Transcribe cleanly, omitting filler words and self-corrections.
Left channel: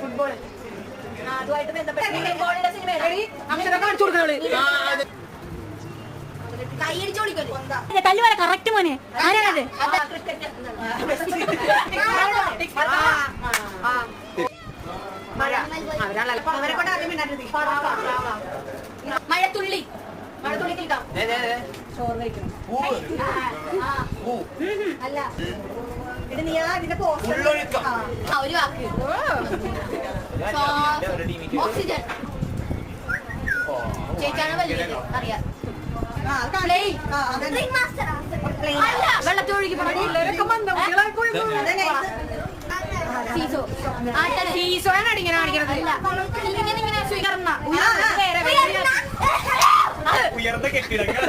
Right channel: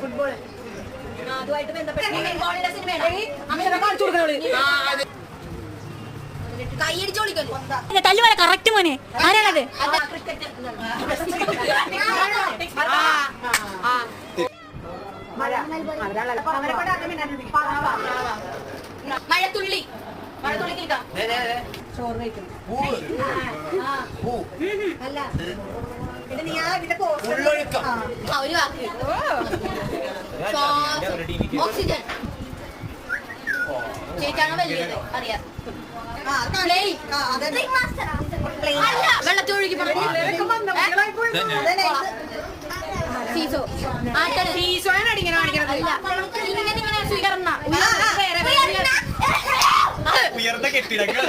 Football അതുമായിട്ട് ബന്ധപ്പെട്ട തല്ലുപോലെ correct മോനെ ആരാണത്? മഴത്തുള്ളി മഴത്തുള്ളി കേൾക്കാം. ചോറ് കഴിക്കണം അല്ല പിന്നെ നീ ഇതിന്റെ ഒരു വാക്ക് ഓക്സിജൻ ചേച്ചാണ് വലിയത് അറിയാം. വെള്ളത്തൊഴുകി ഉയർന്ന കെട്ടിടങ്ങൾ